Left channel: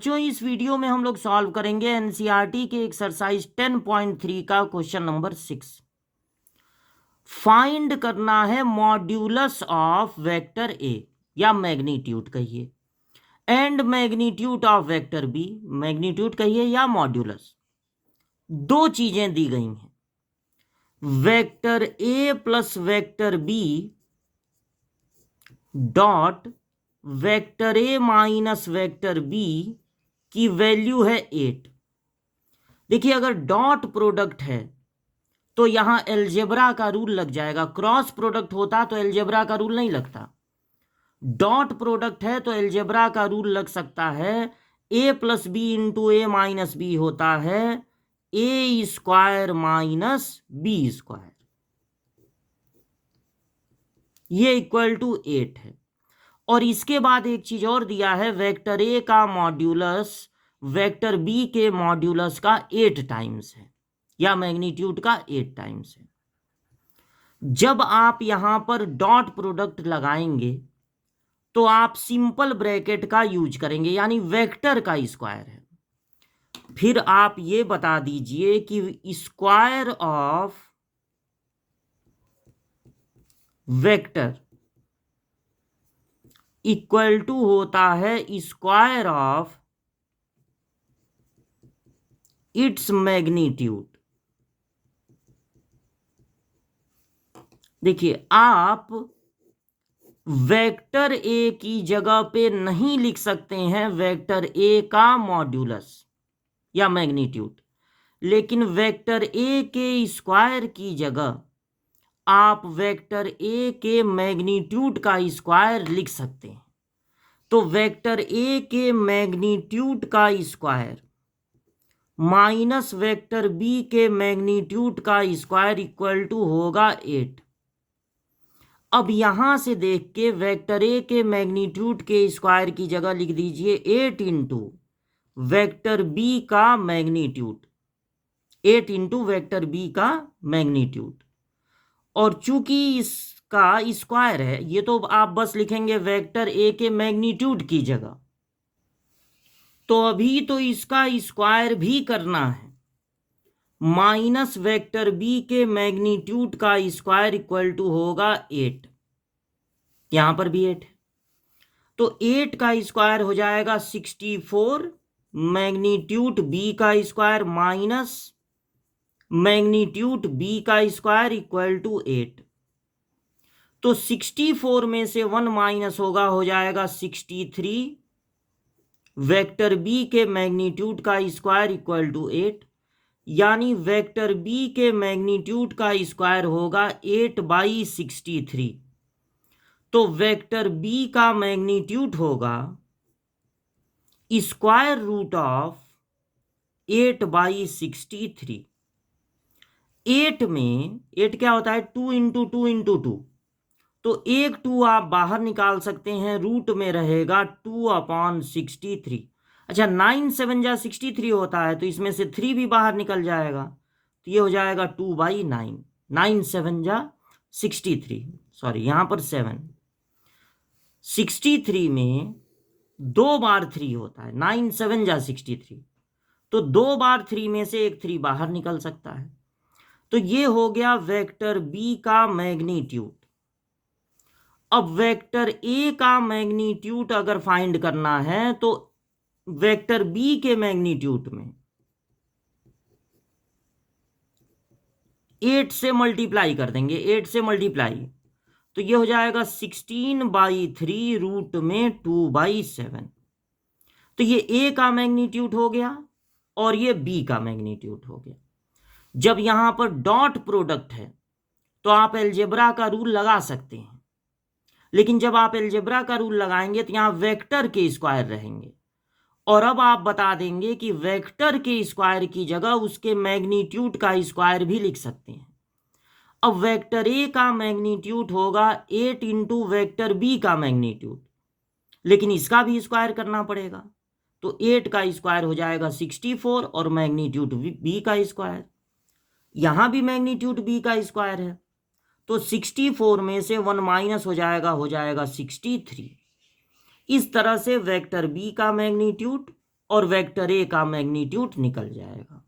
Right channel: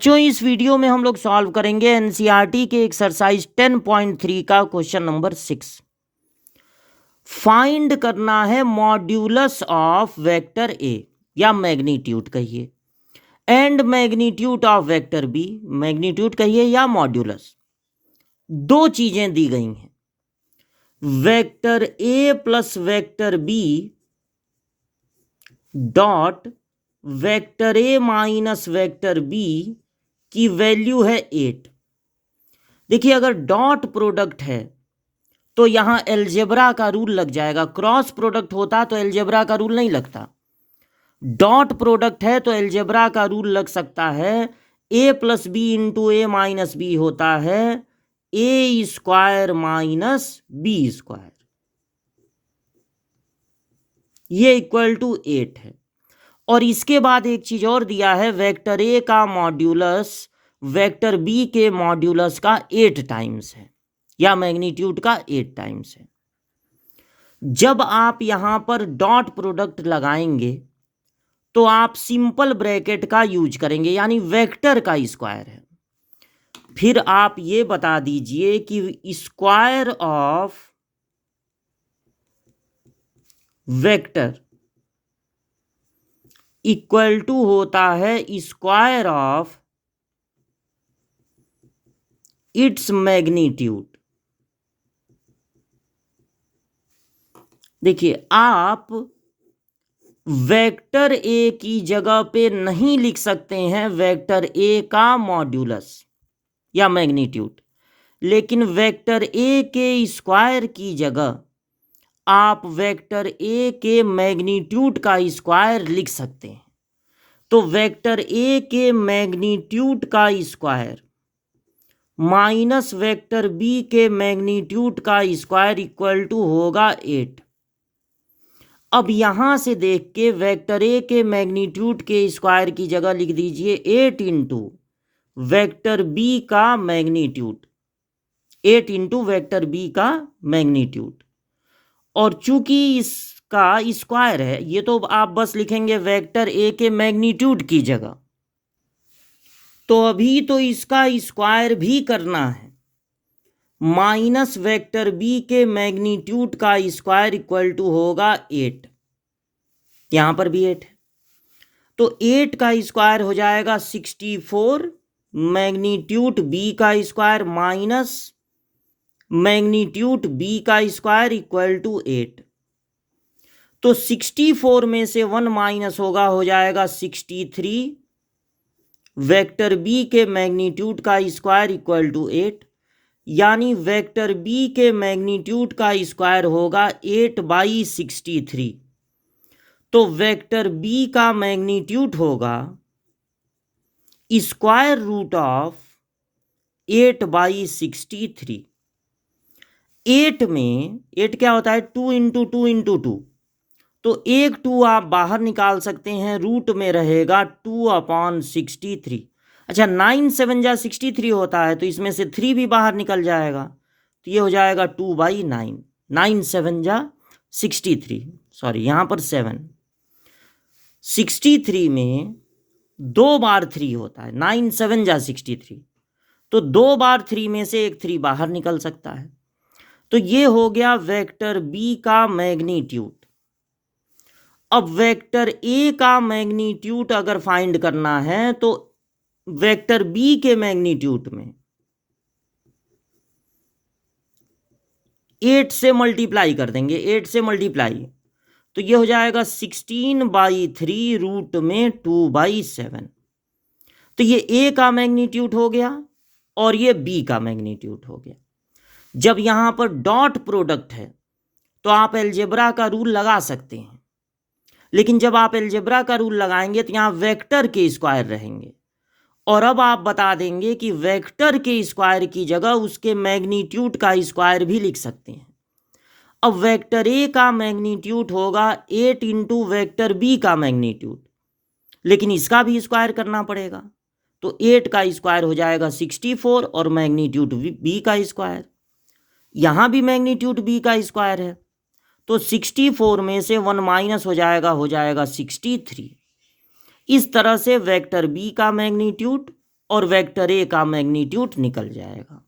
बच्चों इस वीडियो में हम लोग सॉल्व करेंगे एनसीईआरटी के एक्सरसाइज 10.3 का क्वेश्चन नंबर 6। फाइंड करना है मॉड्यूलस ऑफ वेक्टर ए या मैग्नीट्यूड कहिए and magnitude of vector B, magnitude कहिए या मॉड्यूलस। दो चीजें दी गई हैं, vector A plus vector B dot vector A minus vector B की वैल्यू है 8। देखिए अगर डॉट प्रोडक्ट है तो यहां एलजेब्रा का रूल लग जाएगा, क्रॉस प्रोडक्ट होता तो एलजेब्रा का रूल नहीं लगता। डॉट प्रोडक्ट है तो एलजेब्रा का रूल लग सकता है, ए प्लस बी इंटू ए माइनस बी होता है ए स्क्वायर माइनस बी स्क्वायर, ये इक्वल टू 8 है। और इसके बाद एक चीज और दिया है, वेक्टर ए का मॉड्यूलस वेक्टर बी के मॉड्यूलस का 8 टाइम्स है या मैग्नीट्यूड का 8 टाइम्स है। जब आप यहां पर डॉट प्रोडक्ट लगाएंगे तो आप सिंपल ब्रैकेट का यूज करेंगे, यानी वेक्टर का स्क्वायर है। फिर आप ये बता दीजिए कि square of vector equal to होता है स्क्वायर ऑफ इट्स मैग्नीट्यूड। देखिए आप वेक्टर ए की जगह पे नहीं लिख सकते हैं वेक्टर ए का मॉड्यूलस या मैग्नीट्यूड, लेकिन वेक्टर ए के स्क्वायर की जगह आप वेक्टर ए के मैग्नीट्यूड का स्क्वायर लिख सकते हैं। तो वेक्टर ए के मैग्नीट्यूड का स्क्वायर माइनस वेक्टर बी के मैग्नीट्यूड का स्क्वायर इक्वल टू होगा 8। अब यहां से देख के वेक्टर ए के मैग्नीट्यूड के स्क्वायर की जगह लिख दीजिए 8 इंटू वेक्टर बी का मैग्नीट्यूड, 8 इंटू वेक्टर बी का मैग्नीट्यूड। और चूंकि इसका स्क्वायर है, ये तो आप बस लिखेंगे वेक्टर ए के मैग्नीट्यूड की जगह, तो अभी तो इसका स्क्वायर भी करना है। माइनस वेक्टर बी के मैग्नीट्यूड का स्क्वायर इक्वल टू होगा 8, यहां पर भी 8 है तो 8 का स्क्वायर हो जाएगा 64, मैग्नीट्यूड बी का स्क्वायर माइनस मैग्नीट्यूड बी का स्क्वायर इक्वल टू 8। तो 64 में से 1 माइनस होगा, हो जाएगा 63, वेक्टर बी के मैग्नीट्यूड का स्क्वायर इक्वल टू 8, यानी वेक्टर बी के मैग्नीट्यूड का स्क्वायर होगा 8/63। तो वेक्टर बी का मैग्नीट्यूड होगा स्क्वायर रूट ऑफ 8/63। 8 में 8 क्या होता है, 2 इंटू 2 इंटू 2, तो एक 2 आप बाहर निकाल सकते हैं, रूट में रहेगा 2/63। अच्छा 9 7 जा 63 होता है तो इसमें से 3 भी बाहर निकल जाएगा, तो ये हो जाएगा 2/9, 9 7 जा 63, सॉरी यहाँ पर 7, 63 में 2 बार 3 होता है, 9 7 जा 63, तो 2 बार 3 में से एक 3 बाहर निकल सकता है। तो ये हो गया वेक्टर बी का मैग्नीट्यूड। अब वेक्टर ए का मैग्नीट्यूड अगर फाइंड करना है तो वेक्टर बी के मैग्नीट्यूड में 8 से मल्टीप्लाई कर देंगे, 8 से मल्टीप्लाई, तो ये हो जाएगा 16/3 रूट में 2/7। तो ये ए का मैग्नीट्यूड हो गया और ये बी का मैग्नीट्यूड हो गया। जब यहां पर डॉट प्रोडक्ट है तो आप एलजेब्रा का रूल लगा सकते हैं, लेकिन जब आप एलजेब्रा का रूल लगाएंगे तो यहां वेक्टर के स्क्वायर रहेंगे। और अब आप बता देंगे कि वेक्टर के स्क्वायर की जगह उसके मैग्नीट्यूड का स्क्वायर भी लिख सकते हैं। अब वेक्टर ए का मैग्नीट्यूड होगा 8 इंटू वेक्टर बी का मैग्नीट्यूड, लेकिन इसका भी स्क्वायर करना पड़ेगा, तो 8 का स्क्वायर हो जाएगा 64 और मैग्नीट्यूड बी का स्क्वायर, यहां भी मैग्नीट्यूड बी का स्क्वायर है, तो 64 में से 1 माइनस हो जाएगा 63। इस तरह से वेक्टर बी का मैग्नीट्यूड और वेक्टर ए का मैग्नीट्यूड निकल जाएगा।